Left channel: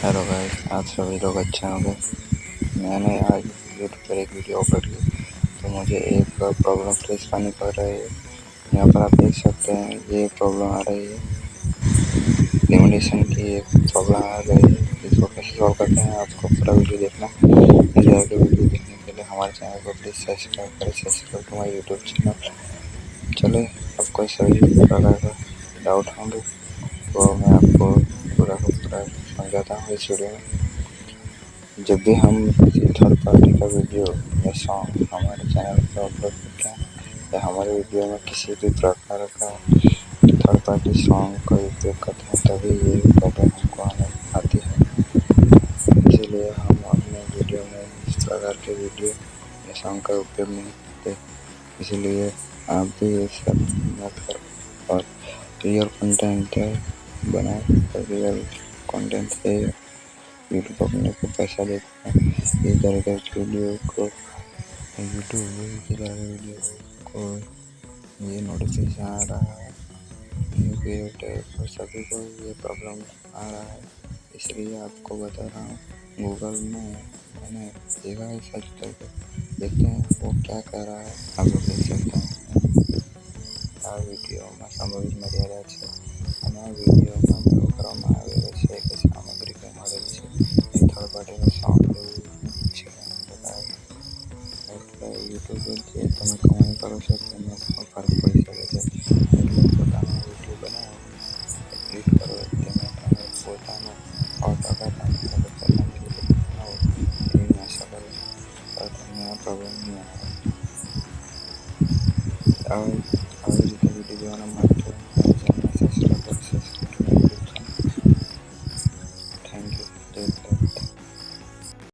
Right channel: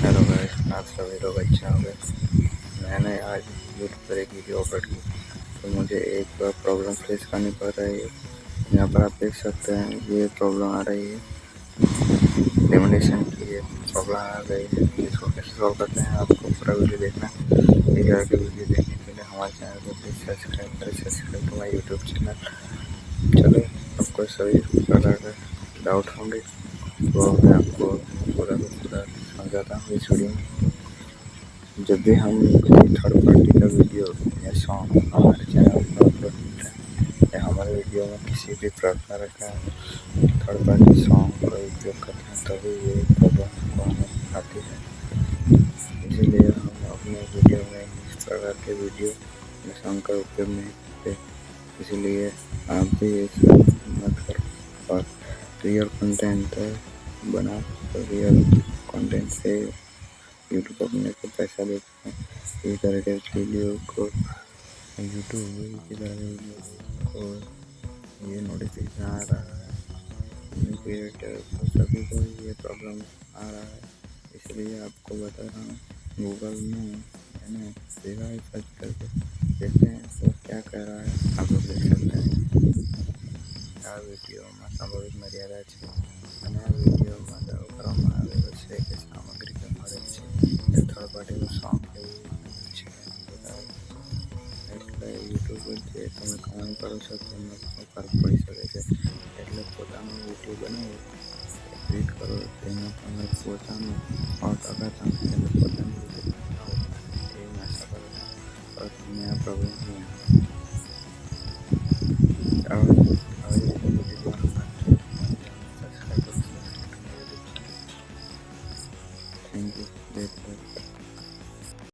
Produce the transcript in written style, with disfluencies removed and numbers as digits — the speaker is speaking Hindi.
हेलो गाइस, आप सभी लोग अच्छे होंगे। मैंने आज यूट्यूब पर एक वीडियो अपलोड की तो मुझे एक प्रॉब्लम फेस करनी पड़ रही है। यहाँ पर आप देख सकते हैं ये प्रॉब्लम आ रही है, लिमिटेशन की एक प्रॉब्लम आ गई है। इसको कैसे सॉल्व करते हैं आपको पूरा वीडियो देखना। इस तरह के वीडियो देखने के लिए हमारे चैनल को प्लीज़ सब्सक्राइब करें। Subscribe to my YouTube channel. चलो, आपको सभी प्रकार का डाउट होंगे वो मैं आपको पूरा का पूरा समझाता हूँ इस वीडियो में। जब भी हम किसी थर्ड पार्टी का वीडियो या सॉन्ग हमारे चैनल पर अपलोड करते हैं या हमारे वीडियो में किसी भी प्रकार का थर्ड पार्टी सॉन्ग का उपयोग करते हैं तभी ये प्रॉब्लम हमको हमें आती है। इसीलिए हम अपने वीडियो में इस प्रकार के वीडियो या सॉन्ग का उपयोग नहीं करते। इसीलिए आप भी ये सब मत करो और रियल कंटेंट बनाओ। रियल कंटेंट से यूट्यूब अपने को पैसा देता है। इस तरह के वीडियो को ये नोटिफिकेशन आ रहा है न्यू क्रिएटर और सभी को ये प्रॉब्लम आ रहा है। इसलिए आपको बता रहा हूँ। गूगल में मैंने देखा है, सर्च करके देखते हैं वो क्या कह रहा है। आप लोग देख सकते हैं આ વિડીયોમાં સંભવિત મર્યાદા છે અને આ વિડીયોમાં દાવો કરવામાં આવેલો છે કે સામગ્રી કંઈ મળેલ છે એ થર્ડ પાર્ટીનું સોંગ એવું છે બતાવે. એટલે યુટ્યુબ જે તમે કમાણી કરો છો તેમાં પણ ફરક પડી શકે છે. એટલે પોતાનો વિડીયો બનાવો, એડિટ કરો, તેમાં તમે પોતાનું 100% તમે પોતાની રીતે બનાવો એવી આશા કરું છું. તો તમને આ પ્રોબ્લેમ નહીં આવે. આવી રીતે વિડીયો જોવા માટે ચેનલને સબસ્ક્રાઈબ કરો. Thank you. જય ભારત.